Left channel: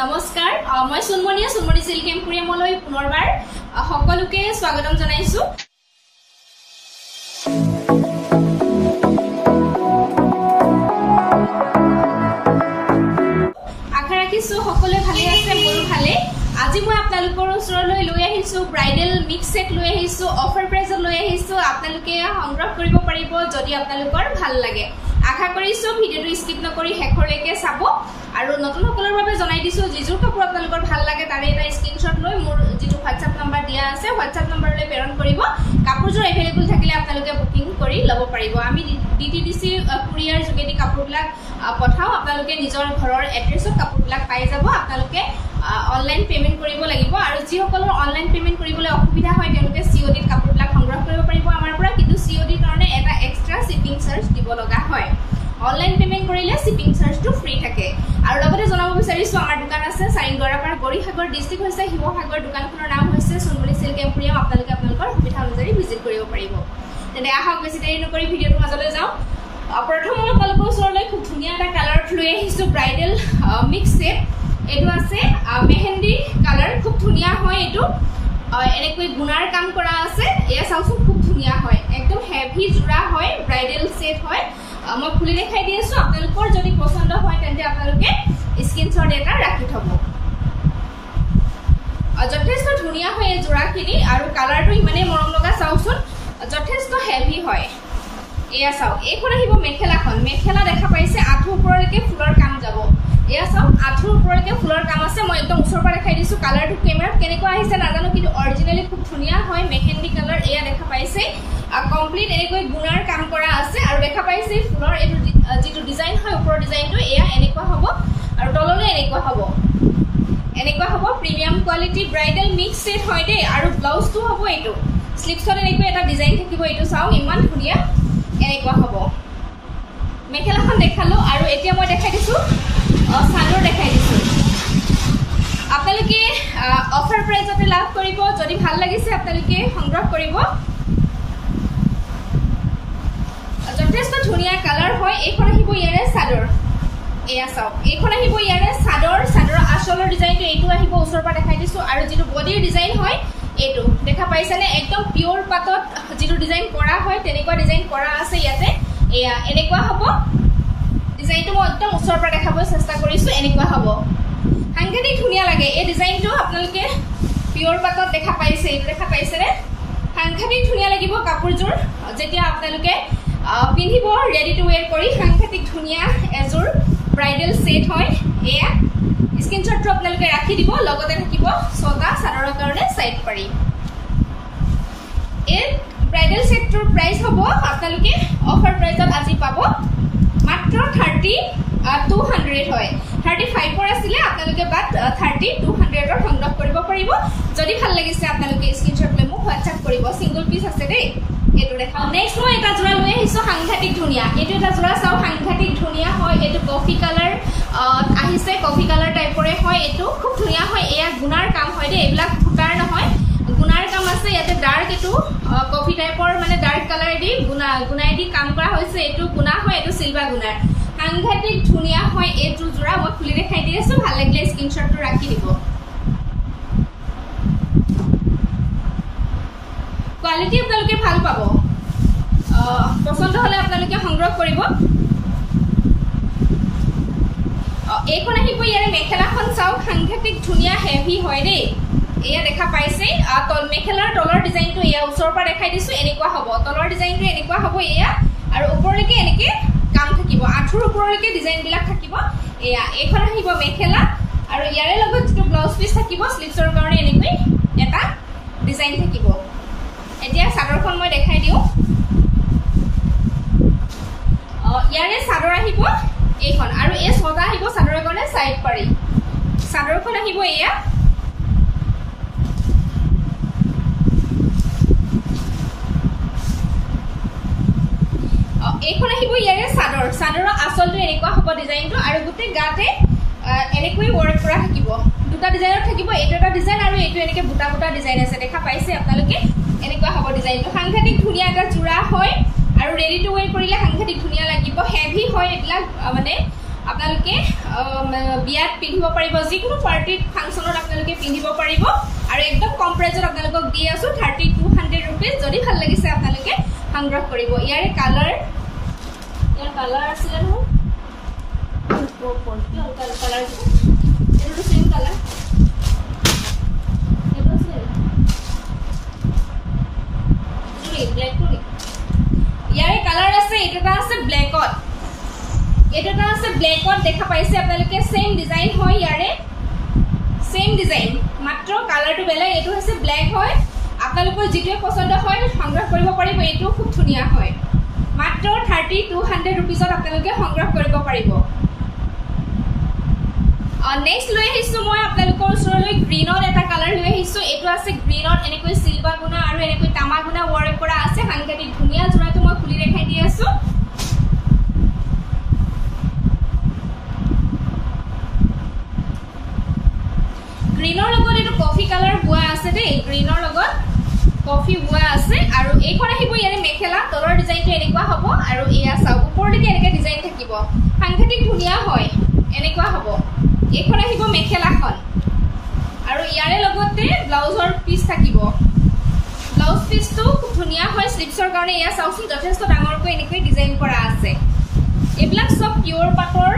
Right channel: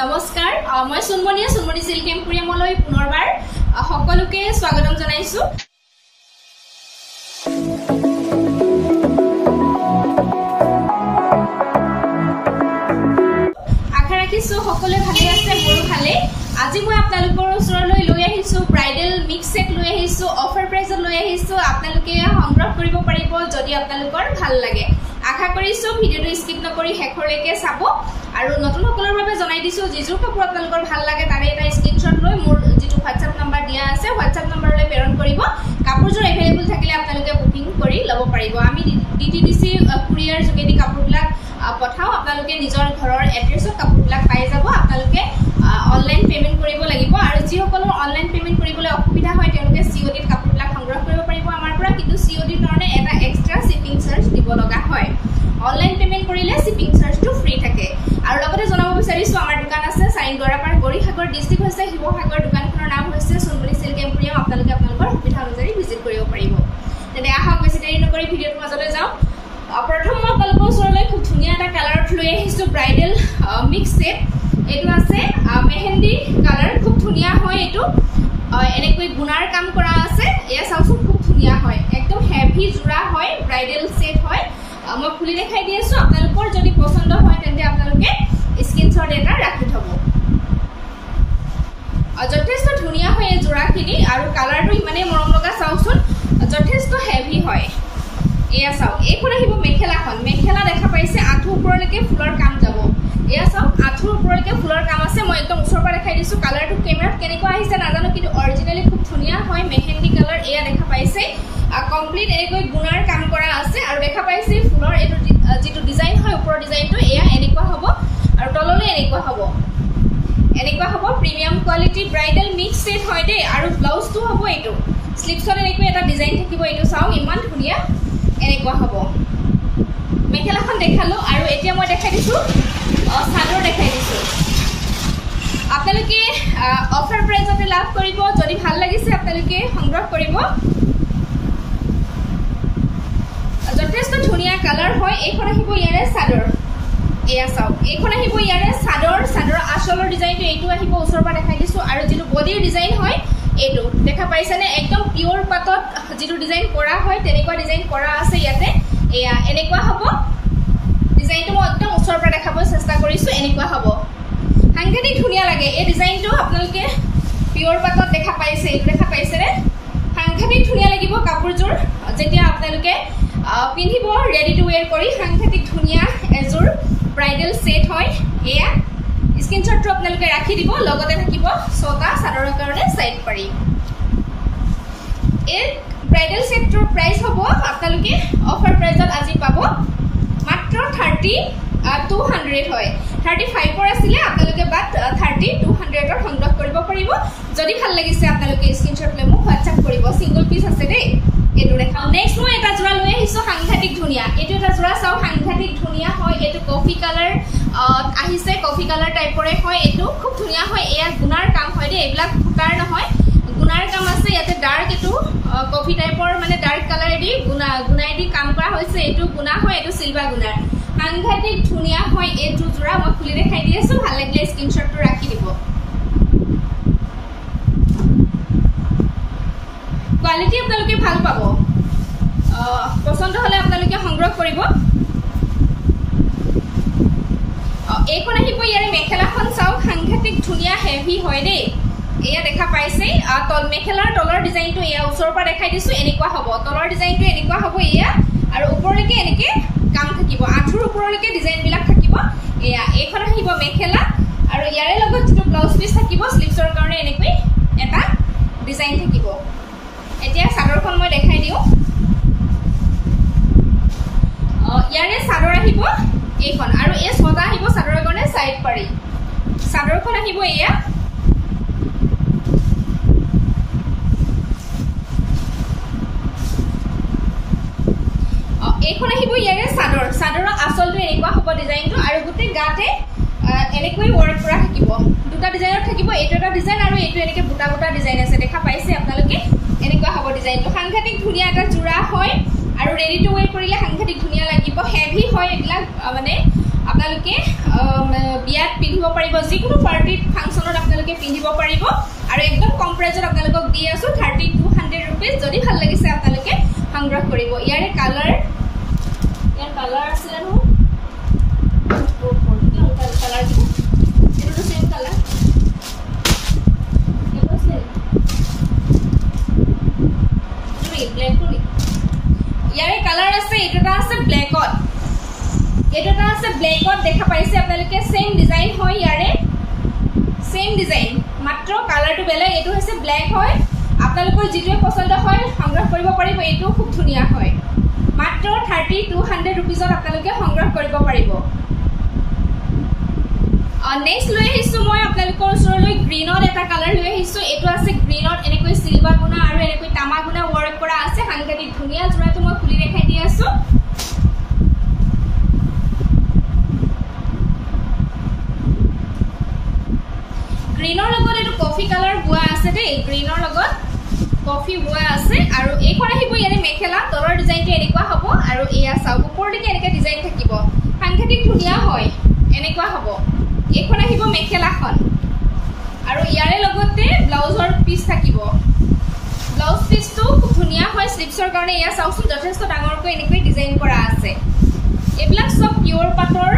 নমস্কাৰ মই সুনমনি সিল্ক এম্পোৰিয়ামলৈ পুনৰবাৰ সকলোকে স্বাগতম জনাইছো আশা ৰাখিছো সকলোৱে ভালে আছে মোৰো ভালে আজি মই আপোনালোকৰ ওচৰলৈ লৈ আহিছো ব্ৰাইডেল মিক্স সেট লৈ আহিছো অফাৰ প্ৰাইজত লৈ আহিছো আপোনালোকে সংগ্ৰহ কৰিব পাৰিব যদি আপোনালোকৰ ভাল লাগে আশা কৰিছো ভিডিওটো স্কিপ নকৰি হেকৰলৈকে চাব আৰু নতুন সকলৰ বাবে জনাই দিছো জিজুৰ কাপোৰ আপোনালোকৰ ভাল লাগে তাৰে এটা স্ক্ৰিনশ্বট লৈ মোৰ যেটো WhatsApp নম্বৰ দিয়া আছে WhatsApp নম্বৰলৈ প্ৰেৰণ কৰিব কাপোৰজোৰ এভেইলেবল থাকিলে আপোনালোকে বুকিং কৰি লব পাৰিব আমি DTDC কুৰিয়াৰ যোগেদি কাপোৰবিলাক পঠাও আপোনালোকে নিজৰ ঘৰৰ এড্ৰেছত কাপোৰবিলাক পাই যাব আপোনালোকে অনলাইন পেমেন্ট কৰিব লাগিব আৰু যি সকলৰ অনলাইন পেমেন্ট কৰিবলৈ অসুবিধা হয় তেওঁলোকে COD ত কাপোৰবিলাক সংগ্ৰহ কৰিব পাৰিব আমাৰ পৰা কিন্তু COD ৰ কাৰণে এটা এক্সট্ৰা শিপিং চাৰ্জ দিব লগা হয় অনলাইন পেমেন্ট কৰিলে শিপিং চাৰ্জটো ফ্ৰী থাকে আৰু লগতে জনাব বিচাৰিছো আমাৰ দোকান আছে সাইনগৰাপাৰ গৰিসাগৰ ডিস্ট্ৰিক্ট হৈছে হিবসাগৰ দোকানখনৰ নাম হৈছে সুনমনি সিল্ক এম্পোৰিয়াম আপোনালোকে আপোনালোকৰ সুবিধা অনুযায়ী ভিজিট কৰিব পাৰিব তেনে আহক বেছি দেৰি নকৰি ভিডিওটো মাজলৈ যাওঁ প্ৰথম মই আপোনালোকৰ ওচৰলৈ খুব ধুনীয়া এটা কালাৰত লৈ আহিছো ব্ৰাইডেল মিক্স সেট এটো আছে মেহেন্দি কালাৰ খুব ধুনীয়া হয় এটো এনেকৈ গুণাৰ কাম কৰা আছে এয়া চাওচোন খুব ধুনীয়া হয় একদম হেভি জোৰা হয় ব্ৰাইডেল সেট হয় মই খুলি দেখাই দি আছো আপোনালোকৰ যদি পছন্দ হয় তেন্তে আপোনালোকে স্ক্ৰিনশ্বট এটা ৰাখি থব যথেষ্ট ধুনীয়া হয় এই জোৰাখিনি আৰু কালাৰটো ইমানে মৰম লগা চাওচোন যথেষ্ট হেভি হয় এয়া চাও এইখন আহিব মেখেলা দেখা পাইছে আঁঠু ওপৰলৈকে ফুলৰ কাম যাব এয়া চাও আঁঠুৰ ওপৰলৈকে ফুলৰ কাম আছে মই একদম ওচৰৰ পৰা দেখাই দিছো কালাৰটো কেমেৰাত কেনেকুৱা আহিছে নাজানো কিন্তু অৰিজিনালি খুব ধুনীয়া হয় মেহেন্দি কালাৰ এয়া দেখা পাইছে কমপ্লিট এনেকৈ গুণাৰ কাম কৰা আছে আৰু দেখা পাইছে ফুলৰ এটো যেটো ডিজাইন হয় ওপৰৰ ডিজাইনটো এয়া এনেকুৱা হ'ব আৰু তললৈ এনেকুৱা হ'ব premium quality bridal mix set হয় দে আৰু ব্লাউজটো হ'ব এটো স্লিপছত এনেকৈ এটা ডিজাইন থাকিব এটো চাও ইমান ধুনীয়া এনেকুৱা হ'ব মেখেলাখন দেখালো আৰু এতিয়া মই দেখাই দিছো চাদৰ দেখাই দিছো আপোনালোকে অফাৰ প্ৰাইজতে লাভ কৰিব যদি ভাল লাগিছে আপোনালোকে সংগ্ৰহ কৰিব যথেষ্ট ধুনীয়া কালাৰ হয় এইখন আহিব ইয়াৰে চাদৰ এয়া চাও এইখন আহিব ইয়াৰে চাদৰ আচলৰ ডিজাইনটো এইটো আহিব ওচৰৰ পৰা দেখাই দিছো আৰু যেটো বডিৰ ডিজাইন হয় এইটো দেখা পাইছানে একদম পিওৰ পাতত যেটো ডিজাইন কৰা হয় তেনেকুৱা ডিজাইন কৰা আছে ইয়াতে এয়া এনেকুৱা হ'ব ডিজাইনটো মই একদম ওচৰৰ পৰা দেখাব চেষ্টা কৰিছো এনেকুৱা হ'ব সাংঘাতিক ধুনীয়া লাগে এই ডিজাইনটো আপোনালোকে পিওৰ পাতত দেখা পাইছে এইটো দেখা পাইছেনে সাংঘাতিক ধুনীয়া লাগিব কাপোৰজোৰ যেতিয়া আপোনালোকে পিন্ধিব ৰেডি টু ওয়্যাৰ কৰি সাংঘাতিক ধুনীয়া এজোৰ ব্ৰাইডেল সেট হয় এয়া স্ক্ৰিনশ্বটটো আপোনালোকে ৰাখি দিব লগতে থাকিব ছটা চাদৰৰ কাৰণে সাইড পাৰি এই ব্ৰাইডেল সেটটোৰ প্ৰাইস হ'ব আপোনালোকে অফাৰ প্ৰাইজত আজি পাব মাত্ৰ 3200 হয় 35 ৰ আছিলে আপোনালোকে বাট 3200 ৰ সংগ্ৰহ কৰিব পাৰিব যদি ভাল লাগিছে আপোনালোকে স্ক্ৰিনশ্বট লৈ মোক WhatsApp কৰিব সিঙ্গল পিস আছে দেই এটো দেখাও নেক্সট মই এটা জোৰা লৈ আহিছো সাংঘাতিক ধুনীয়া এটো এটা জোৰা চাও সাংঘাতিক ধুনীয়া হয় এটো কফি কালাৰ আহিছে কফি কালাৰ টাইপৰে হয় এটো খুব ধুনীয়া হয় এয়া গুণাৰ কাম হয় দে এইবিলাক ফুটাৰ নহয় গুণাৰ কাম আছে ইয়াতে ডাৰ্ক এটো কফি টাইপৰ মানে ডাৰ্ক কালাৰেদি গুণাইদি কাম কৰা হৈছে এটো গুণা হয় এটো সিলভাৰ গুণাৰ সাংঘাতিক ধুনীয়া হয় এটো জোৰা মই খুলি দেখাই দি আছো ভাল লাগিলে স্ক্ৰিনশ্বটটো ৰাখি দিব কোৱালিটি আপোনালোকে ভাল পাব পছন্দ হলে আপোনালোকে সংগ্ৰহ কৰিব এইখন আহিব ইয়াৰে মেখেলাখন চাও সাংঘাতিক ধুনীয়া হেভি হয় দেই এয়া দেখা পাইছে মেখেলাৰ তলৰ ডিজাইনটো এয়া ওচৰৰ পৰা দেখাই দিছো এনেকুৱা হ'ব তলৰ ডিজাইনটো এনেকুৱা হ'ব এয়া আৰু ওপৰলৈকে এনেকে কাম থাকিব আঁঠুৰ ওপৰলৈকে ডিজাইন বিলাক থাকিব এয়া এইখন আহিব মেখেলা আৰু ইয়াৰে লগত যেটো ব্লাউজ পিস থাকিব স্লিপছৰ কাৰণে এনেকৈ এটা ডিজাইন থাকিব এতিয়া চাদৰখন মই দেখাই দিও ইয়াৰে চাদৰ আহিব এইখন আৰু এই ছটা আহিব চাদৰৰ কাৰণে সাইড পাৰি চাদৰখন আহিব এয়া এইখন আহিব ইয়াৰে চাদৰৰ আচলটো এনেকুৱা হ'ব ডিজাইনটো আৰু গুটে গাতে এনেকৈ ওয়াৰ্ক কৰা থাকিব দুটা ডিজাইনত থাকিব এইটো এটা ডিজাইন আৰু এইটো এনেকে বুটা বুটা ডিজাইন আছে দেখা পাইছে আপোনালোকে এনেকুৱা হ'ব ডিজাইনটো সাংঘাতিক ধুনীয়া এটা জোৰা হয় আৰু ৰেডি টু ওয়্যাৰ কৰিলে সাংঘাতিক ধুনীয়া লাগিব হেভি হয় এবিলাক মানে আপোনালোকে বিয়াত পিন্ধিব পাৰিব, যিকোনো পাৰ্টিত ফাংচনত আপোনালোকে পিন্ধিব পাৰিব আৰু একদম কম প্ৰাইজত আপোনালোকক দি আছো 3200 rupees। যদি ভাল লাগিছে আপোনালোকে সংগ্ৰহ কৰিব। ইয়াৰ কালাৰ আছিলে নহয়, কালাৰ এইটো সেম কালাৰ, ইয়াৰে কালাৰ আছে। এইটো এটা আছে ব্লেকত, এইটো এটা আছে ব্লেকত দেখা পাইছে আপোনালোকে। সেম ডিজাইন হয়, ইয়াৰে সেম ডিজাইন, মাত্ৰ কালাৰটো বেলেগ। এইটো হৈছে ব্লেক হয়, আপোনালোকৰ যিটোৱে পছন্দ হয় সংগ্ৰহ কৰিব পাৰিব। এইটো খুব ধুনীয়া হয়, মাত্ৰ 3200 rupeesত আপোনালোকে সংগ্ৰহ কৰিব পাৰিব। নেক্সট লৈ আহিছো মই আপোনালোকৰ ওচৰলৈ গ্ৰীণত এটা কালাৰ লৈ আহিছো। এইটো আছে গ্ৰীণত, এনেকৈ চিলভাৰ গুণা আৰু এনেকৈ তামা গুণা ৱৰ্ক কৰা আছে, সাংঘাতিক ধুনীয়া। যোৰাটো মই খুলি দেখাই দি আছো। গ্ৰীণৰ লগত এইটো কফি কালাৰ বোৱা আছে দেই, গ্ৰীণৰ লগত কফি বোৱা আছে। আৰু এইখন আহিব ইয়াৰে মেখেলা, তলৰ ডিজাইনটো এনেকুৱা হ'ব আৰু এয়া চাওক ওপৰলৈকে এনেকৈ ডিজাইন থাকিব, সাংঘাতিক ধুনীয়া হয়, এনেকুৱা হ'ব। এইখন আহিব মেখেলাখন আৰু ইয়াৰে লগতে ব্লাউজৰ পিচ থাকিব। ব্লাউজ পিচটো খুব ধুনীয়া হয়, স্লিপছৰ কাৰণে এয়া চাওকচোন যথেষ্ট ডাঙৰকৈ এনেকৈ ডিজাইন কৰা আছে। এইবিলাক চব পিয়ৰ পাটৰ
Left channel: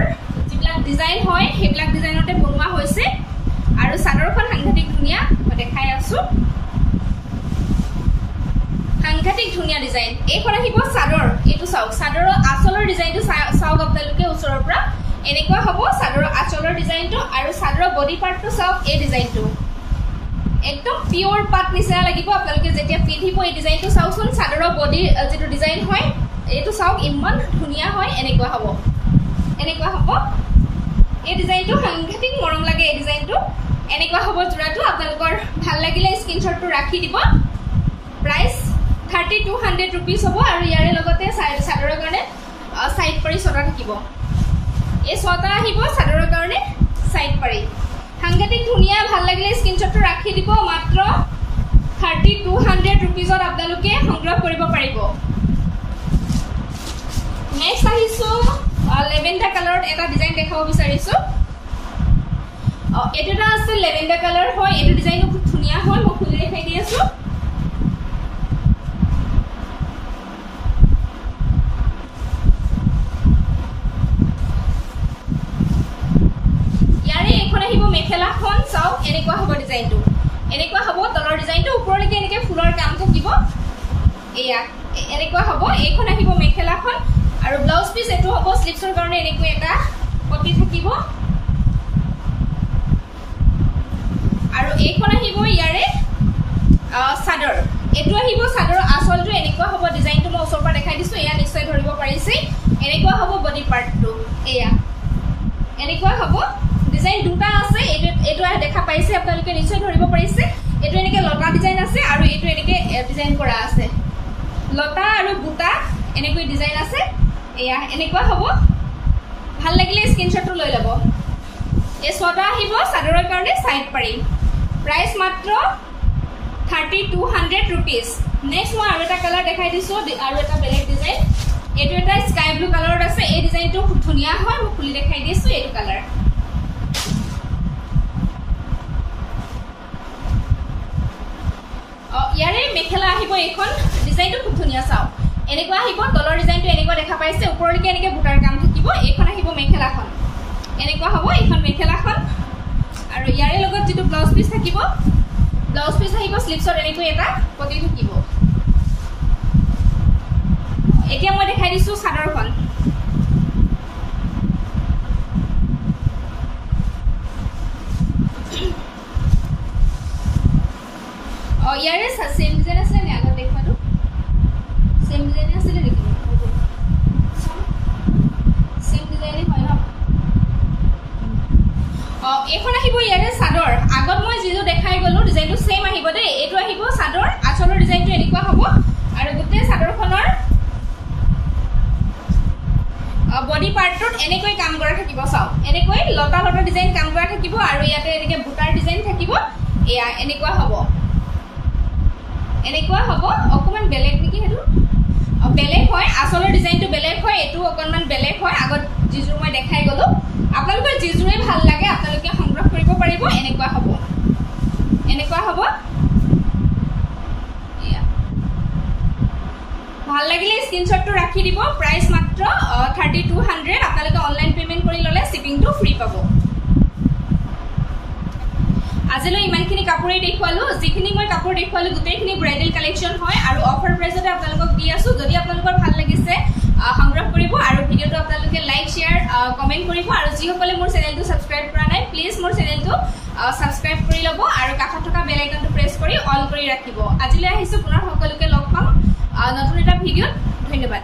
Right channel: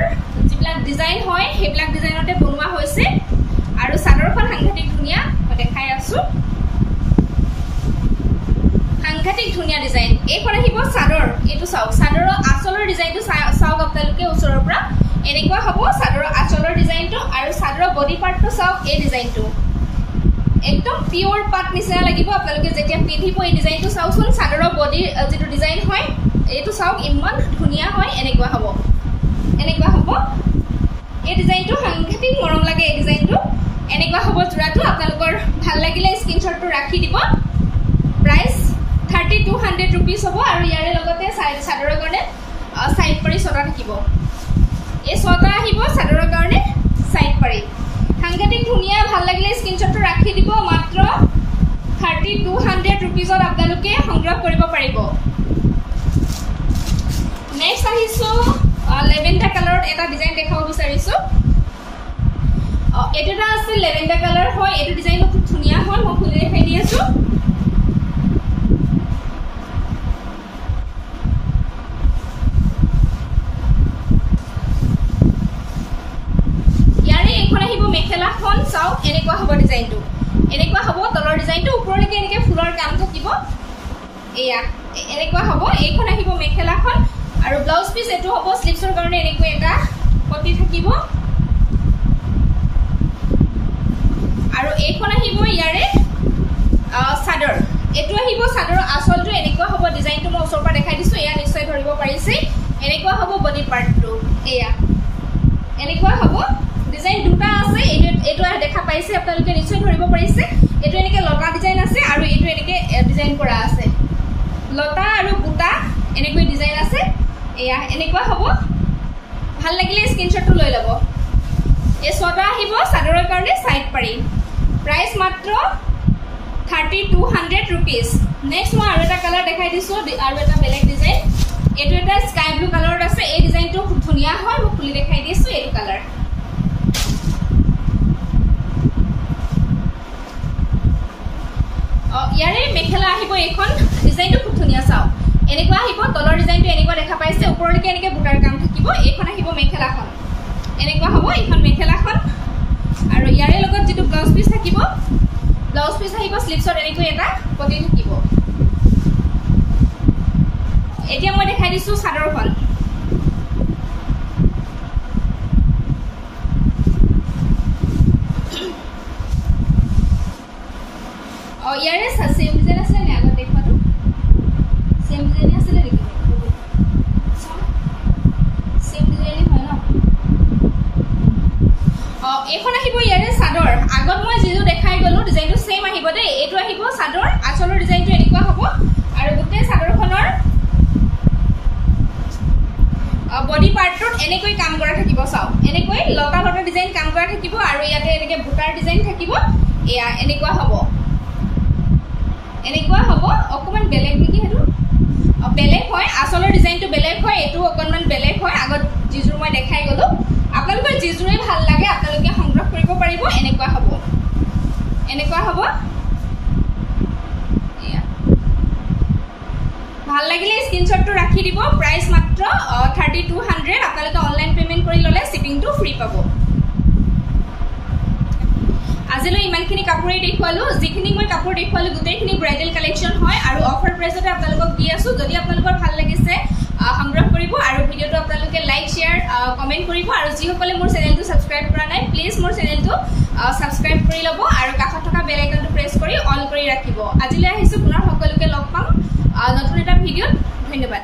যিবিলাক ডিজাইন হয় সেইবিলাক ডিজাইনতে বনোৱা হৈছে। আৰু চাদৰখন সাংঘাতিক ধুনীয়া, মই দেখাই আছো, সাংঘাতিক ধুনীয়া ডিজাইন। এইখন আহিব চাদৰ, এইটো চাওক চাদৰৰ আঁচলৰ ডিজাইনটো চাওক আপোনালোকে ওচৰৰ পৰা, এনেকুৱা হ'ব চাদৰৰ আঁচলৰ ডিজাইনটো। আৰু চাদৰৰ বডি পাৰ্টটো চাওক, এই ডিজাইনটো একদম পিয়ৰ পাট নিচিনা লাগিব আপোনালোকে যেতিয়া পিন্ধিব। এই ডিজাইনটো চাওকচোন, চাদৰৰ বডিৰ যিটো ডিজাইন হয় এইটো চাওক ইমান ধুনীয়া হয়, এনেকুৱা হ'ব, এনেকুৱা হ'ব। এই ডিজাইনটো সাংঘাতিক মৰম লাগে, এই ডিজাইনটো এনেকুৱা হ'ব যোৰাটো। আপোনালোকৰ ভাল লাগিলে স্ক্ৰীনশ্বটটো ৰাখি দিব। প্ৰাইচ 3200 rupees হ'ব। আৰু ইয়াৰে লগতে চাদৰৰ কাৰণে চাইড পাৰি ছটা থাকিব, এই ছটা আহিব চাদৰৰ কাৰণে চাইড পাৰি, সাংঘাতিক ধুনীয়া। ভাল লাগিলে স্ক্ৰীনশ্বটটো ৰাখি দিব। মাত্ৰ 3200 rupeesত আপোনালোকে সংগ্ৰহ কৰিব পাৰিব। নেক্সট আহিছো লেভেণ্ডাৰ কালাৰত এটা ডিজাইন দেখাব বিচাৰিছো। এইটো এটা আছে লেভেণ্ডাৰ কালাৰ হয়, এইটো ডিজাইনটো খুব ধুনীয়া হয়, মই খুলি দেখাই দি আছো। ইয়াৰে এইখন আহিব মেখেলাখন, চাওক এনেকুৱা হ'ব ডিজাইনটো, এনেকুৱা হ'ব তলৰ ডিজাইনটো, ওপৰলৈকে এনেকৈ ফুলৰ কাম থাকিব, এয়া এনেকুৱা হ'ব। এইখন আহিব মেখেলাখন আৰু ব্লাউজ পিচ এইটো হ'ব স্লিপছৰ কাৰণে এনেকৈ এটা পটি থাকিব। আৰু এইখন আহিব ইয়াৰে চাদৰ, এইটো আহিব চাদৰৰ আঁচলটো, এনেকুৱা হ'ব ডিজাইনটো। মই ওচৰৰ পৰা দেখাই দিছো, এয়া নিশ্চয় ধৰিব পাৰিছে, এনেকুৱা হ'ব বডি পাৰ্টটো, এয়া এনেকুৱা হ'ব। ডিজাইন দুটা আছে, এইটো দেখা পাইছে আপোনালোকে নিশ্চয় ধৰিব পাৰিছে। এইটো এনেকৈ লতা ডিজাইন আছে আৰু এইটো এনেকৈ ডিজাইন কৰা আছে, লতা আৰু বুটা এনেকৈ ডিজাইন আছে, এয়া এনেকুৱা হ'ব। ভাল লাগিলে স্ক্ৰীনশ্বটটো লৈ ল'ব। এই ছটা আহিব চাদৰৰ কাৰণে চাইড পাৰি। প্ৰাইচ মাত্ৰ 3200 rupees। নেক্সট মই আৰু এটা কালাৰ দেখাই দিছো, আৰু এটা বেলেগ ডিজাইন। এইটো এটা স্কাই ব্লু কালাৰত আছে, এই ডিজাইনটো খুব ধুনীয়া হয়, মই খুলি দেখাই দিছো। এইটো কালাৰ ইয়াৰে মেখেলা আহিব, এইখন ডিজাইনটো খুব ধুনীয়া, চাওক এনেকুৱা আহিব। তলৰ ডিজাইনটো এনেকুৱা দেখা পাইছে, ওপৰলৈকে এনেকৈ বুটাৰ কাম থাকিব। এইখন আহিব মেখেলাখন, এনেকুৱা হ'ব এইখন মেখেলাখন। আৰু ইয়াৰে লগত যিটো ব্লাউজ পিচ থাকিব, ব্লাউজ পিচ আহিব স্লিপছত এনেকৈ এটা পটি থাকিব। এতিয়া মই দেখাই দিছো চাদৰখন। ইয়াৰে সেম ডিজাইন আছে নে আগত দেখুৱাটো? সেম ডিজাইনে আছিলে নেকি? সেম ডিজাইনে হয় ন? এইখন আহিব ইয়াৰে চাদৰ। আগত মই যিটো দেখাই গলো ডিজাইনটো সেম আহিব দেই। এইটো আহিব চাদৰ, আঁচলৰ ডিজাইনটো এনেকুৱা হ'ব। আৰু গোটেই চাদৰখনৰ বডি পাৰ্টটোত এনেকৈ কাম কৰা থাকিব, চাওক এনেকৈ লতা লতা ডিজাইন কাম কৰা থাকিব। আৰু ইয়াতে এনেকৈ বুটাৰ ডিজাইন থাকিব, এয়া এনেকুৱা হ'ব, এনেকুৱা হ'ব। অকণমান বেলেগ নেকি সেইটো? বেলেগ হয় আসলৰ ডিজাইনটো বেলেগ হয় এটো অকনমান বেলেগ হয় আগত জিজুৰ মই দেখাই গলো আপোনালোকৰ জিজুৰে ভাল লাগে আপোনালোকে সংগ্ৰহ কৰিব পাৰিব এনেকুৱা হ'ব ভাল লাগিলে স্ক্ৰিনশ্বটটো ৰাখি দিব প্ৰাইস মাত্ৰ 3200 আপোনালোকে অনলাইন পেমেন্ট কৰি ললে শিপিংটো ফ্ৰী পাব আজিলৈ ইমানখিনি কাপোৰেই দেখুৱালো যিখিনি মই কাপোৰ দেখুৱালো গোটেইখিনি ব্ৰাইডাল কালেকচন হয় আৰু অফাৰ প্ৰাইসতে আপোনালোকক দি আছো যদি আপোনালোকৰ ভাল লাগিছে সংগ্ৰহ কৰিব আৰু ভিডিওটো আপোনালোকে লাইক শেয়াৰ কমেন্ট কৰিব আৰু যিসকলে মোৰ চেনেলটো সাবস্ক্ৰাইব কৰা নাই প্লিজ মোৰ চেনেলটো সাবস্ক্ৰাইব কৰি লব আৰু কাষত থকা বেল আইকনটো প্ৰেছ কৰি অল কৰি ৰাখিব আজিলৈ আহিছো পুনৰ সকলোকে লগ পাম নতুন এটা ভিডিওত ধন্যবাদ